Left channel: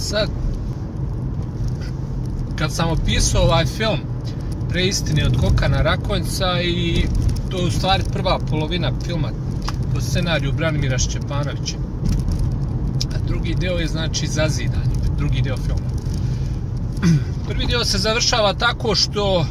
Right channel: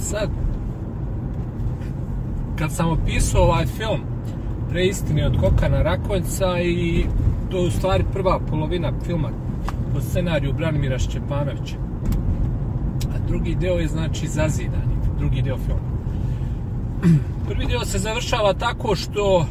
sad, kad sam opisao ovaj film Preistine od Kokana Rakonjca, i to je u stvari prva polovina filma po scenariju Branimira Šćepanovića. A drugi deo je znači Zazidanje, drugi deo filma. Prvi deo se završava tako što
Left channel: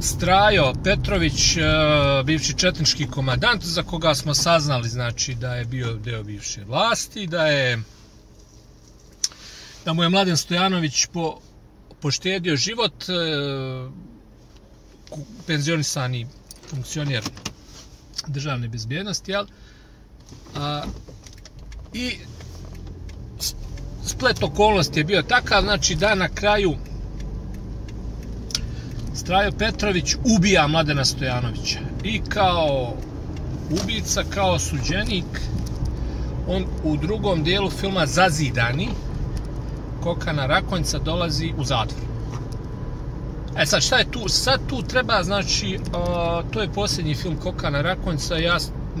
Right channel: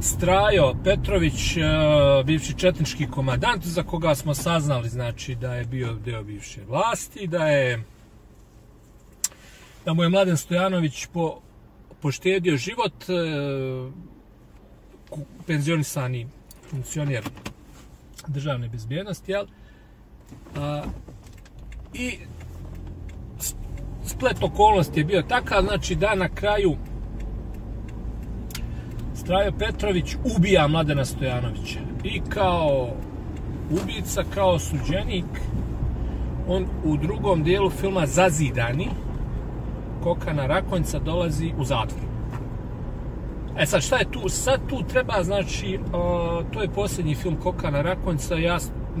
Strajo Petrović, bivši četnički komandant, za koga smo saznali znači da je bio deo bivše vlasti, da mu je Mladen Stojanović poštedio život, penzionisani funkcioner državne bezbjednosti, jel? I splet okolnosti je bio takav, znači da na kraju Strajo Petrović ubija Mladena Stojanovića. I kao ubica, kao suđenik, on u drugom dijelu filma Zazidani Kokana Rakonjca dolazi u zatvor. E sad, šta je tu? Sad tu treba, znači, to je posljednji film Kokana Rakonjca,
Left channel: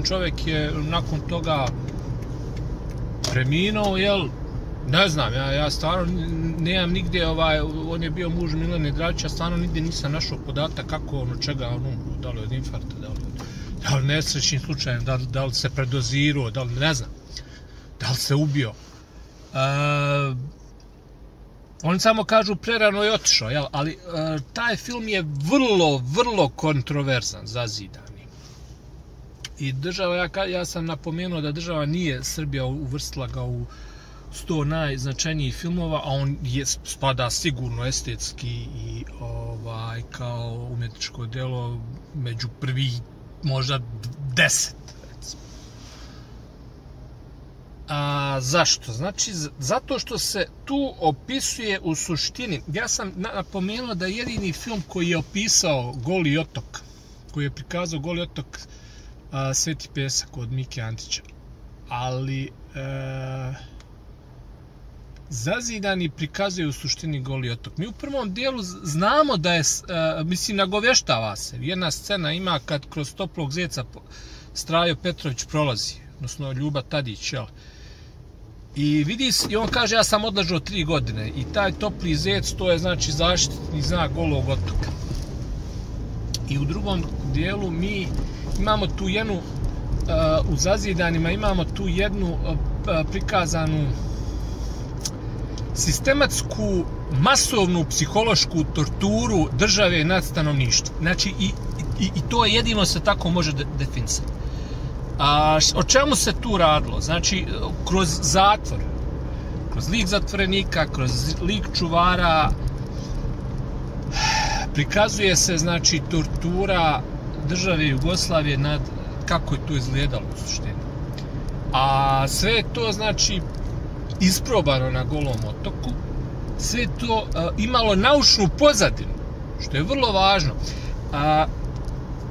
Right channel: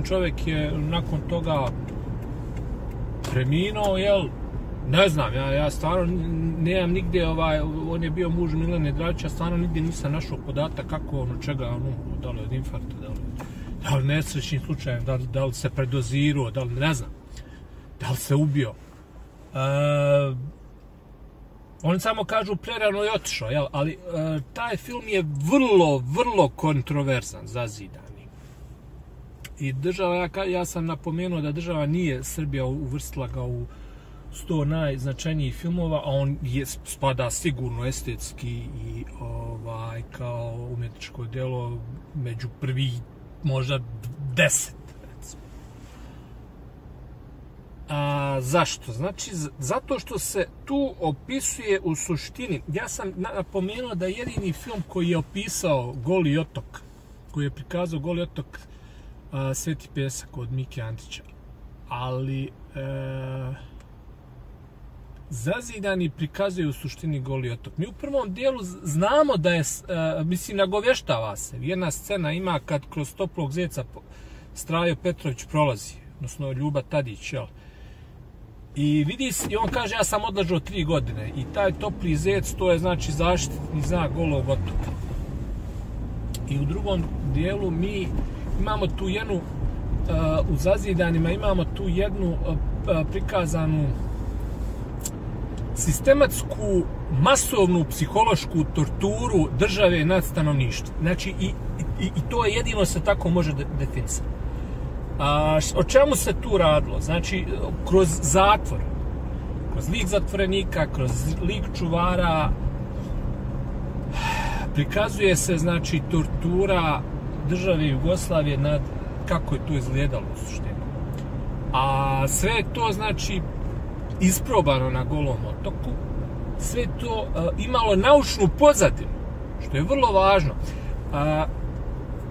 čovjek je nakon toga preminuo, jel? Ne znam, ja stvarno nemam nigdje, on je bio muž Milene Dravića, stvarno nigdje nisam našao podatak kako on, od čega on umro, da li od infarkta, da li nesrećnim slučajem, da li se predozirao, da li, ne znam, da li se ubio. Oni samo kažu prerano je otišao, jel? Ali taj film je vrlo kontroverzan, Zazidani. I država, ja sam napomenuo da država nije Srbija uvrstila ga u 100 najznačajnijih filmova, a on spada sigurno estetski i kao umjetničko djelo među prvih možda 10. A zašto? Znači, zato što se tu opisuje u suštini. Ja sam napomenuo da je jedini film koji je opisao Goli otok, koji je prikazao Goli otok, Sveti pesak od Mike Antića. Ali Zazidani prikazuje u suštini Goli otok. Mi u prvom dijelu znamo da je, mislim, nagovještava se. Jedna scena ima kad kroz Toplog zeca Strajo Petrović prolazi, odnosno Ljuba Tadić, jel? I vidi se, i on kaže, ja sam odležao 3 godine. I taj Topli zec, to je znači zaštitni znak Golog otoka. I u drugom dijelu mi imamo tu jednu, u Zazidanima imamo tu jednu prikazanu sistematsku, masovnu psihološku torturu države nad stanovništvom. Znači, i to je jedino se tako može definisati. O čemu se tu radilo? Znači, kroz zatvor, kroz lik zatvorenika, kroz lik čuvara, prikazuje se, znači, tortura države Jugoslavije nad kako je to izgledalo u suštini. A sve je to, znači, isprobano na Golom otoku, sve je to imalo naučnu pozadinu, što je vrlo važno.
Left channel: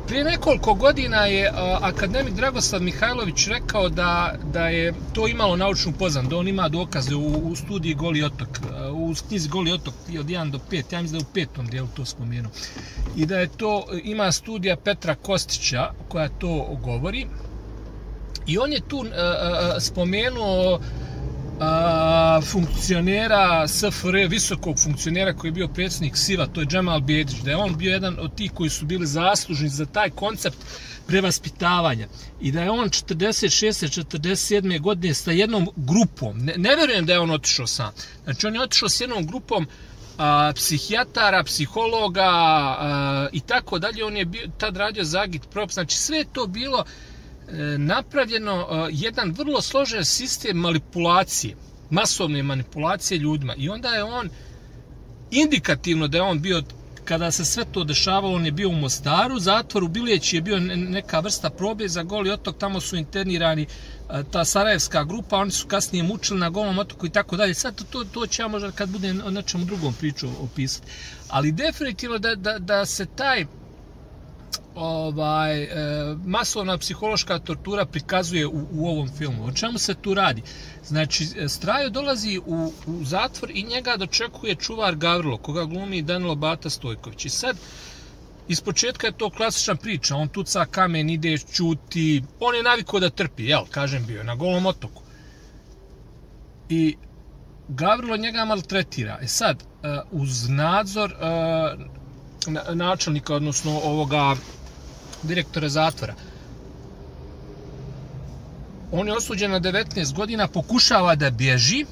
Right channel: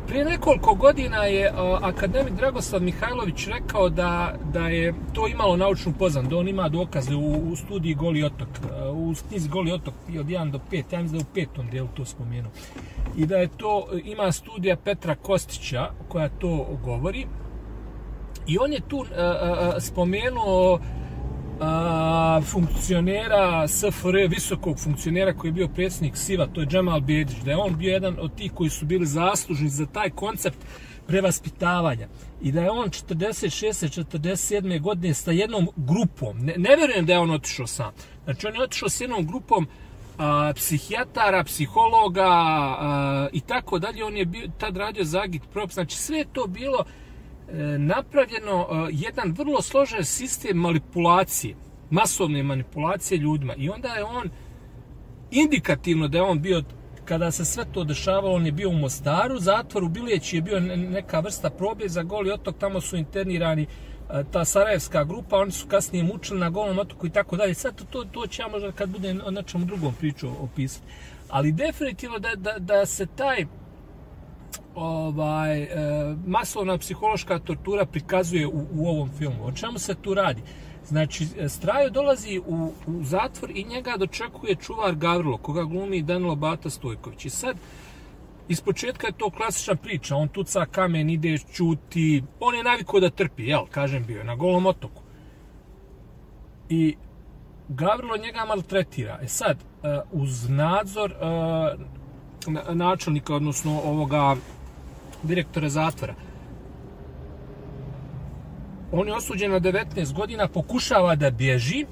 Prije nekoliko godina je akademik Dragoslav Mihajlović rekao da je to imalo naučnu pozadinu, da on ima dokaze u studiji Goli otok, u knjizi Goli otok od 1 do 5, ja mislim da je u 5. dijelu to spomenuo. I da je to, ima studija Petra Kostića koja to govori. I on je tu spomenuo funkcionera SFRJ, visokog funkcionera koji je bio predsjednik SIV-a, to je Džemal Bjedić, da je on bio jedan od tih koji su bili zaslužni za taj koncept prevaspitavanja i da je on 46. 47. godine sa jednom grupom, ne vjerujem da je on otišao sam, znači on je otišao s jednom grupom psihijatara, psihologa i tako dalje, on je tad radio za agitprop, znači sve je to bilo napravljeno jedan vrlo složen sistem manipulacije, masovne manipulacije ljudima. I onda je on, indikativno da je on bio, kada se sve to dešavalo, on je bio u Mostaru, zatvoru Bilijeć je bio neka vrsta probe za Goli otok, tamo su internirani ta sarajevska grupa, oni su kasnije mučili na Golom otoku i tako dalje. Sad to će ja možda kad budem o nečemu drugom priču opisati. Ali definitivno da se taj masovna psihološka tortura prikazuje u ovom filmu. O čemu se tu radi? Znači, Strajo dolazi u zatvor i njega dočekuje čuvar Gavrilo, koga glumi Danilo Bata Stojković. I sad, iz početka je to klasična priča. On tuca kamen, ide, ćuti. On je navikao da trpi, jel, kažem, bio je na Golom otoku. I Gavrilo njega maltretira. Sad, uz nadzor načelnika, odnosno ovoga direktora zatvora, on je osuđen na 19 godina, pokušava da bježi,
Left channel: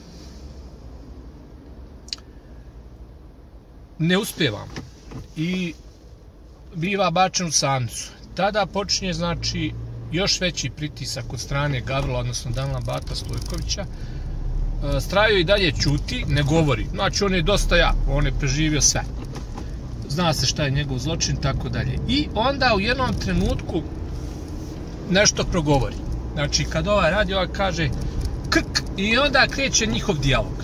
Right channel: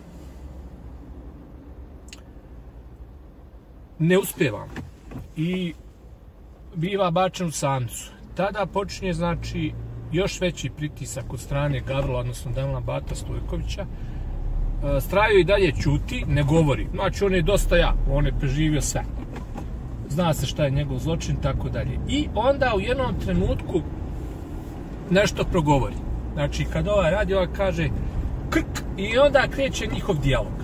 ne uspijeva i biva bačen u samnicu. Tada počinje, znači, još veći pritisak od strane Gavrila, odnosno Danila Bata Stojkovića. Strajo i dalje ćuti, ne govori. Znači, on je dosta jak, on je preživio sve. Zna se šta je njegov zločin, tako dalje. I onda u jednom trenutku nešto progovori. Znači, kad ovaj radi, ovaj kaže krk, i onda kreće njihov dijalog.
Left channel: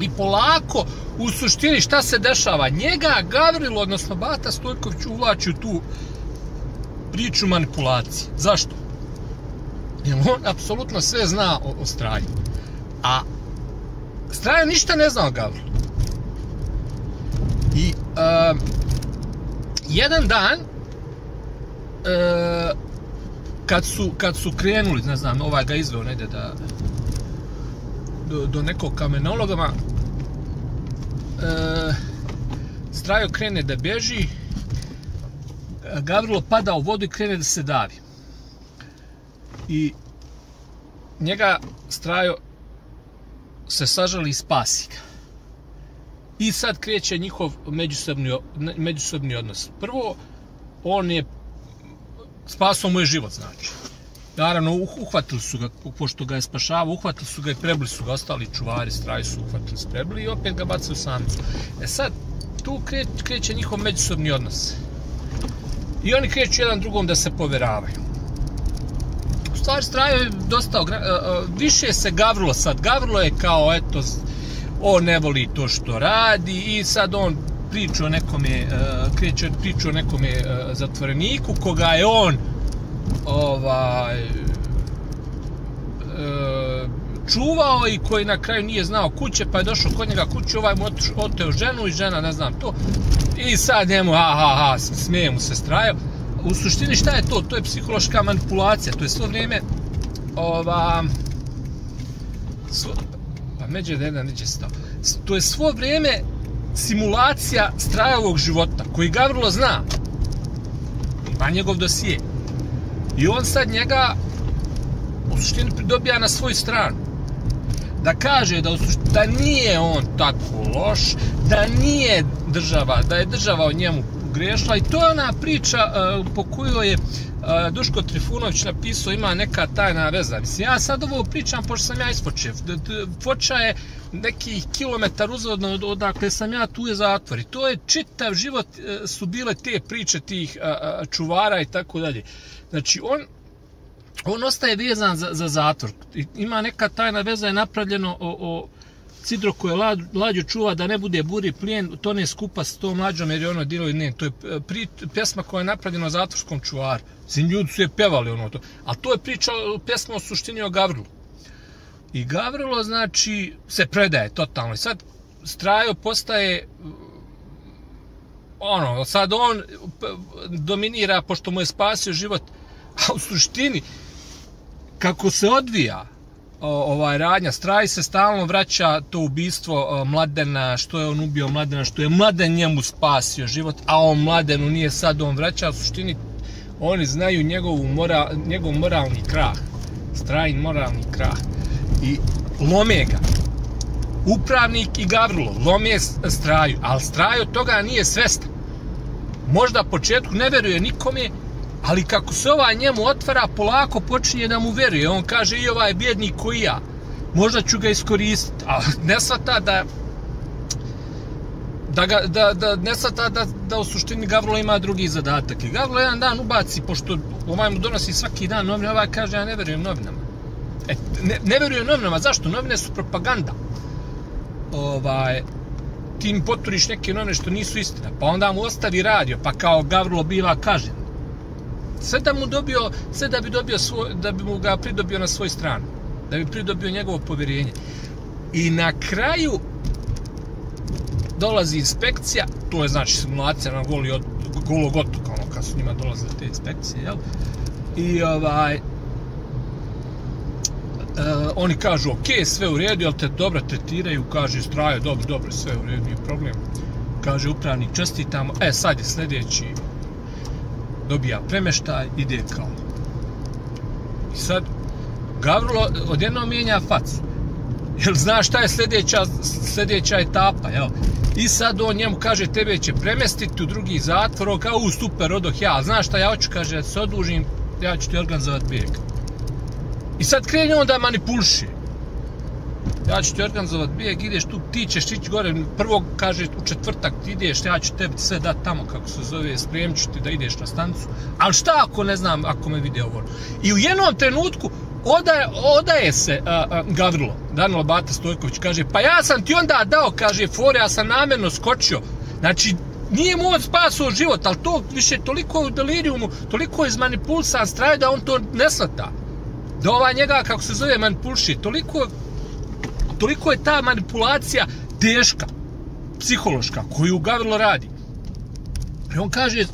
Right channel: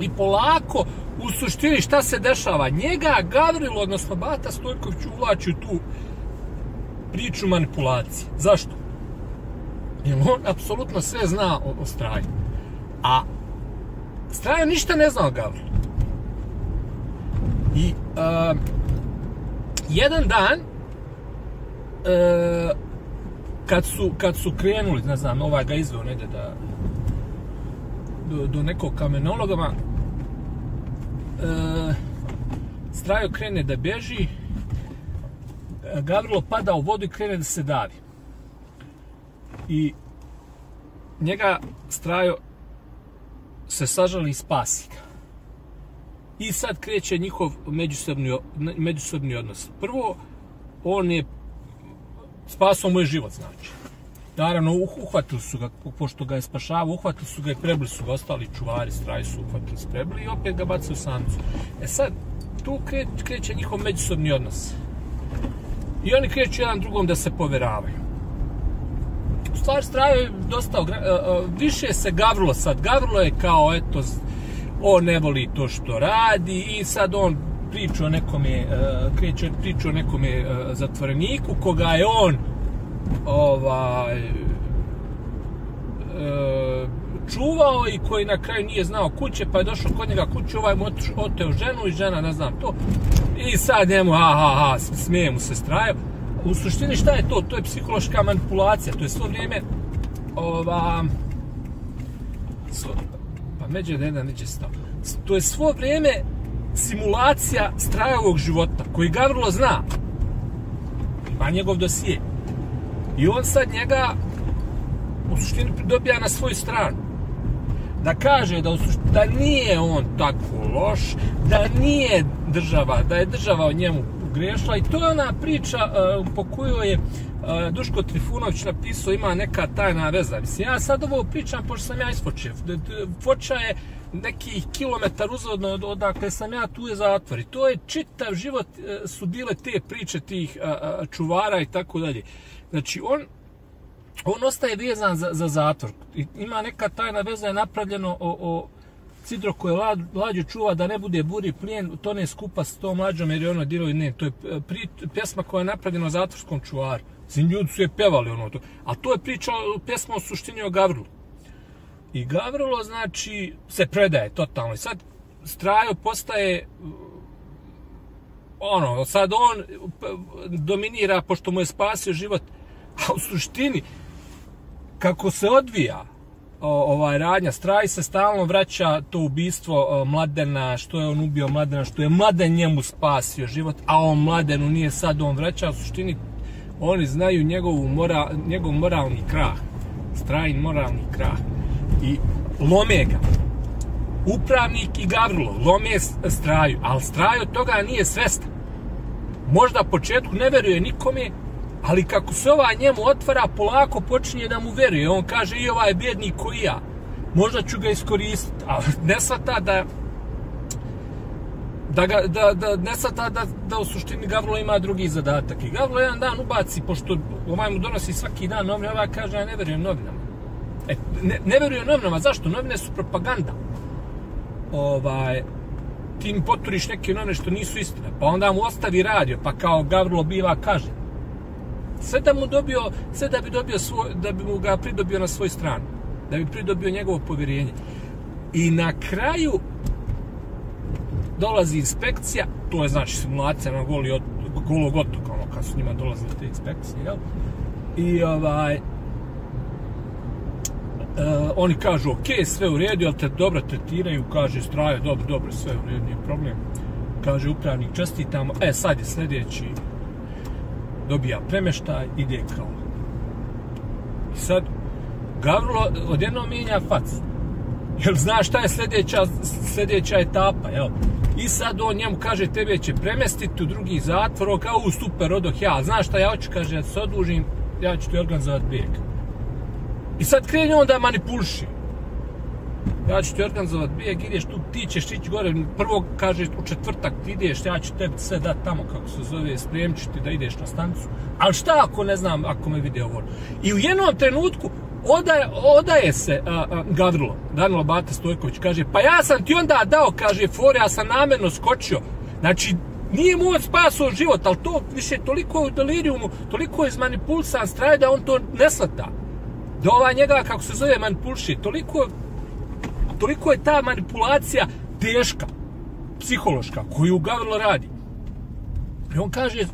I polako, u suštini, šta se dešava? Njega Gavrilo, odnosno Bata Stojković, uvlači u tu priču manipulacije. Zašto? Jer on apsolutno sve zna o Straju. A Strajo ništa ne zna o Gavrilu. I jedan dan, kad su krenuli, ne znam, ovaj ga izveo negdje do nekog kamenologa, Strajo krene da bježi, Gavrilo pada u vodu i krene da se davi. I njega Strajo se sažali i spasi ga. I sad kreće njihov međusobni odnos. Prvo, on je spasao mu je život, znači. Naravno, uhvatili su ga, pošto ga je spašavao, uhvatili su ga i prebili su ga, ostali čuvari Straji su uhvatili, sprebili i opet ga bacili u samnicu. Sad, tu kreće njihov međusobni odnos. I oni kreću jedan drugom da se poveravaju. U stvari, Strajo je dosta... više se Gavrilo sad. Gavrilo je kao, eto, on ne voli to što radi i sad on priča o nekome, kreće priču o nekome zatvoreniku, koga je on čuvao i koji na kraju nije znao kuće, pa je došao kod njega kuće, ovaj mu oteo ženu i žena, ne znam to. I sad njemu, smije mu se Strajo. U suštini šta je to? To je psihološka manipulacija, to je svo vrijeme pa međe da jedan neće stav. To je svo vrijeme simulacija Strajovog života, koji Gavrilo zna. Ima njegov dosije. I on sad njega u suštini dobija na svoju stranu. Da kaže da nije on tako loš, da nije država, da je država od njemu grešila. I to je ona priča po kojoj je Duško Trifunović napisao ima neka tajna veza. Mislim, ja sad ovo pričam pošto sam ja iz Foče. Foča je nekih kilometar uzvodno odakle sam ja, tu je zatvor. I to je čitav život su bile te priče tih čuvara i tako dalje. Znači, on ostaje vezan za zatvor. Ima neka tajna veza je napravljeno o Cidro koje Lađu čuva da ne bude buri plijen, to ne skupa s tom Lađom jer je ono dilo i ne. To je pjesma koja je napravljena o zatvorskom čuvaru. Svim ljudi su je pevali ono to. Ali to je pjesma o suštini o Gavrilu. I Gavrilo, znači, se predaje totalno. I sad Strajo postaje sad on dominira pošto mu je spasio život. A u suštini, kako se odvija radnja, Straj se stalno vraća to ubistvo Mladena, što je on ubio Mladena, što je Mladen njemu spasio život, a on Mladenu nije sad on vraća. U suštini, oni znaju njegov moralni krah. Strajin moralni krah. I lome ga. Upravnik i Gavrilo lome Straju, ali Strajo od toga nije svestan. Možda u početku ne veruje nikome, ali kako se ovaj njemu otvara, polako počinje da mu veruje. On kaže i ovaj bjednik koji ja, možda ću ga iskoristiti, ali ne shvata ne shvata da u suštini Gavrilo ima drugi zadatak. I Gavrilo jedan dan ubaci, pošto ovaj mu donosi svaki dan novine, ovaj kaže ja ne verujem novinama. Ne verujem novinama, zašto? Novine su propaganda. Ti mi poturiš neke novine što nisu istina, pa onda mu ostavi radio, pa kao Gavrilo biva kažen. Sve da bi mu ga pridobio na svoju stranu, da bi pridobio njegovo povjerenje. I na kraju dolazi inspekcija, to je znači simulacija na Golog otoka, kad su njima dolazile te inspekcije, jel? I oni kažu ok, sve u redu, jel te dobro tretiraju, kaže Strajo, dobro, sve u redu, nije problem. Kaže upravnik, čestitamo, sad je sljedeći, dobija premeštaj, ide kao. I sad, Gavrilo odjednom mijenja facu. Jel znaš šta je sljedeća etapa, jel? I sad on njemu kaže, tebe će premestiti u drugi zatvor, on kao, super, odoh ja, znaš šta ja hoću, kaže, da se odužim, ja ću ti organizovati bijeg. I sad kreni on da manipuliše. Ja ću ti organizovati bijeg, ideš tu, ti ćeš ići gore, prvo kaže u četvrtak ti ideš, ja ću tebi sve dati tamo, kako se zove, spremit ću ti da ideš na stanicu. Ali šta ako ne znam, ako me vide ovo? I u jednom trenutku odaje se Gavrilo, Danilo Bata Stojković, kaže, pa ja sam ti onda dao, kaže, fore, ja sam namjerno skočio. Znači, nije mu on spasao život, ali to više toliko je u delirijumu, toliko je izmanipulisan Straj da on to ne shvata. Da ova njega, kako se zove, manipuliše, toliko je ta manipulacija teška, psihološka, koju Gavrilo radi. I on kaže,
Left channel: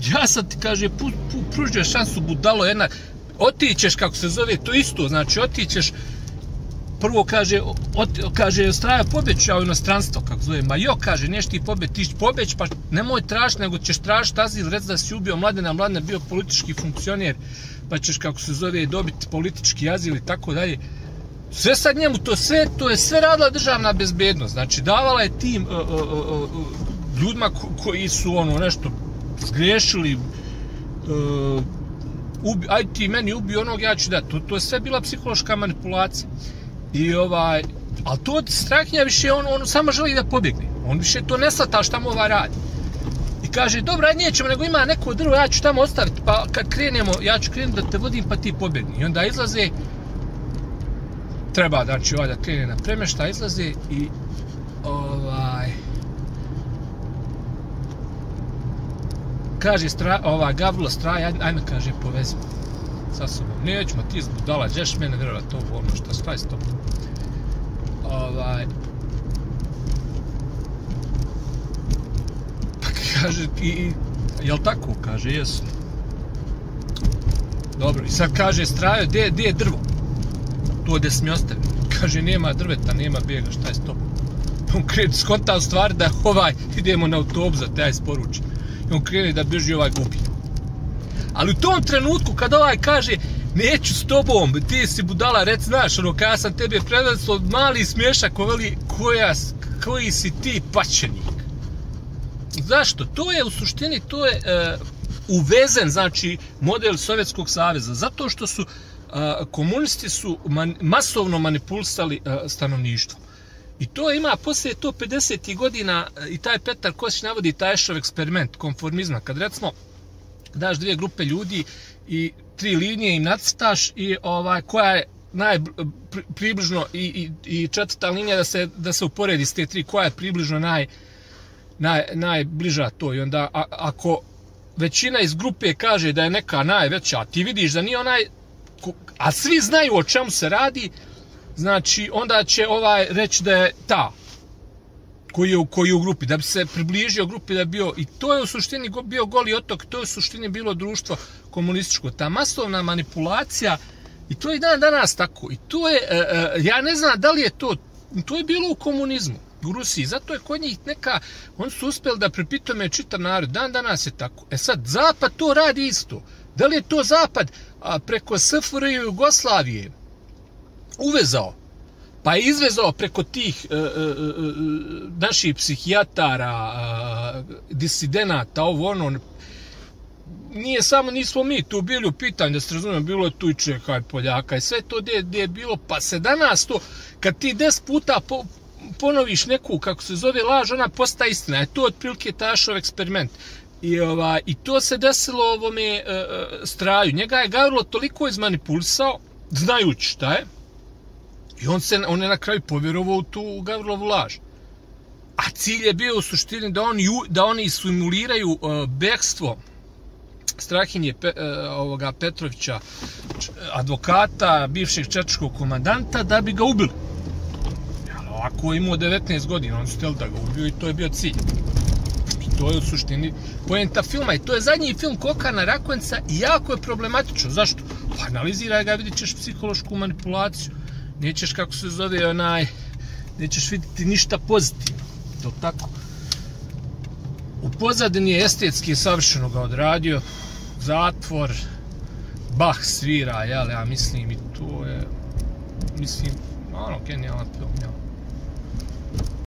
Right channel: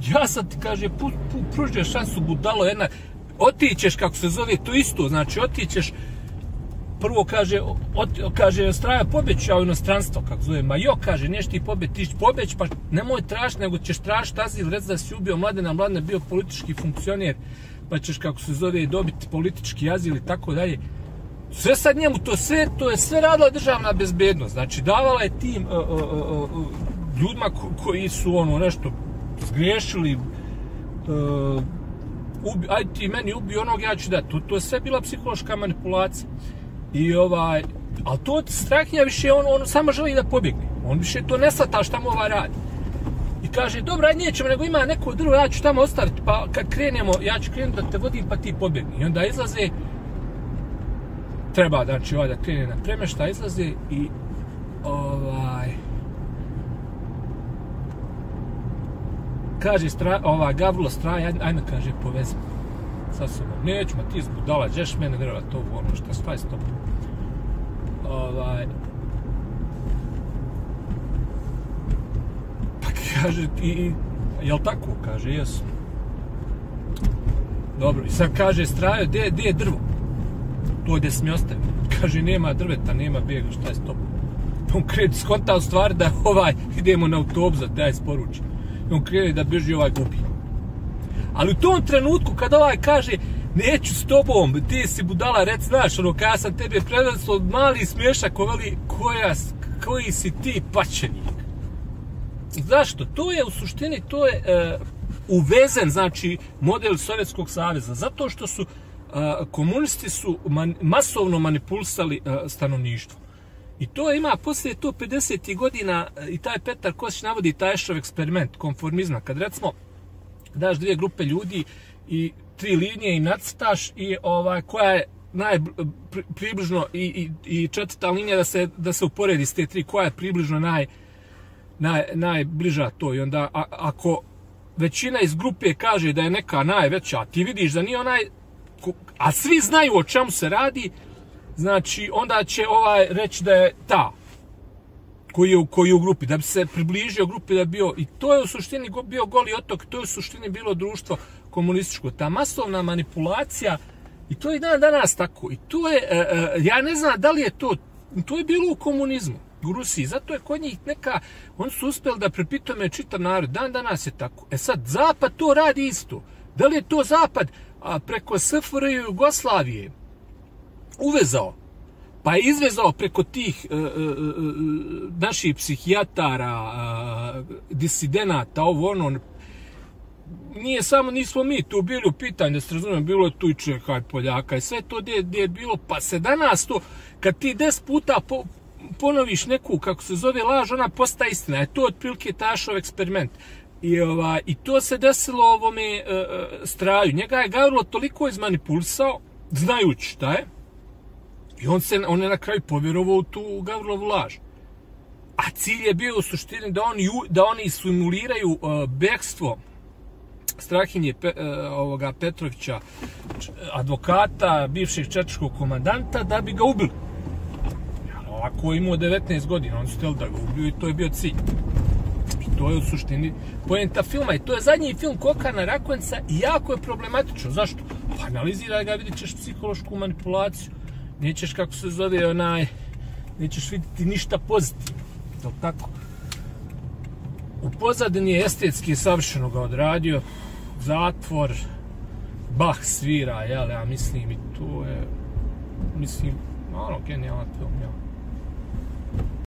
ja sam ti, kaže, pružio šansu, budalo jedna, otićeš, kako se zove, to isto, znači, otićeš, prvo kaže, Straja pobećao u inostranstvo, kako zove, ma jo, kaže, neš ti pobeć, pa nemoj tražiti, nego ćeš tražiti azil, reci da si ubio Mladena, Mladen je bio politički funkcioner, pa ćeš, kako se zove, dobiti politički azil i tako dalje. Sve sad njemu, to je sve radila državna bezbednost, znači, davala je tim ljudima koji su, ono, nešto zgriješili, aj ti meni ubio onog, ja ću dati, to je sve bila psihološka manipulacija. I ali to Strahinja više, on samo želi da pobjegne. On više to ne shvata šta mu radi. I kaže, dobro, aj nećemo, nego ima neko drvo, ja ću tamo ostaviti, pa kad krenemo, ja ću krenuti da te vodim, pa ti pobjegni. I onda izlaze, treba, znači, da krene na premeštaj, izlaze i kaže Gavrilo Straj, ajme, kaže, povezi sa sobom. Nećemo, ti zbudala, ćeš mene vjerovat to ono što šta je s tobom. Pa kaže, jel tako? Kaže, jesu. Dobro, i sad kaže Strajo, gdje je drvo? To gdje si mi ostavio. Kaže, nema drveta, nema bijega, šta je s tobom? On krene, skonta u stvari da idemo na autobus da te isporuči. On krene da beži, gubi. Ali u tom trenutku kad kaže, neću s tobom, ti si budala, reci, znaš, ono, kada sam tebe predstavio, mali smješak, veli, koji si ti paćenik. Zašto? To je u suštini, to je uvezen, znači, model Sovjetskog saveza, zato što su komunisti su masovno manipulisali stanovništvo. I to ima, poslije to 50. godina, i taj Petar Kosić navodi taj Ešov eksperiment konformizma, kad recimo daš dvije grupe ljudi i 3 linije im nacrtaš i koja je približno i četvrta linija da se uporedi s te 3, koja je približno najbliža to. I onda ako većina iz grupe kaže da je neka najveća, a ti vidiš da nije a svi znaju o čemu se radi, znači onda će reći da je ta koji je u grupi, da bi se približio grupi, da bi bio, i to je u suštini bio Goli otok, to je u suštini bilo društvo komunističko. Ta masovna manipulacija, i to je dan danas tako, i to je, ja ne znam da li je to je bilo u komunizmu, u Rusiji, zato je kod njih oni su uspjeli da prepitome čitav narod, dan danas je tako. Sad, Zapad to radi isto. Da li je to Zapad preko SFRJ i Jugoslavije uvezao, pa je izvezao preko tih naših psihijatara, disidenata, nismo mi tu bili u pitanju, da se razumijem, bilo je tu i Čeha i Poljaka i sve to gdje je bilo, pa se danas to, kad ti 10 puta ponoviš neku, kako se zove, laž, ona postaje istina, je to otprilike Tašov eksperiment. I to se desilo ovome Straju. Njega je Gavrilo toliko izmanipulisao, znajući šta je, i on je na kraju povjerovao u tu Gavrilovu laž. A cilj je bio u suštini da oni simuliraju bekstvo Strahinje Petrovića, advokata, bivšeg četničkog komandanta, da bi ga ubili. Ovako je imao 19 godina, oni su htjeli da ga ubiju i to je bio cilj. To je u suštini poenta filma i to je zadnji film Kokana Rakonjca i jako je problematično. Zašto? Pa analiziraj ga, vidit ćeš psihološku manipulaciju. Nećeš, kako se zove, nećeš vidjeti ništa pozitivno. To tako. U pozadini je estetski savršeno ga odradio. Zatvor, Bach svira, jel, ja mislim, i to je, mislim, genijalan film, jel.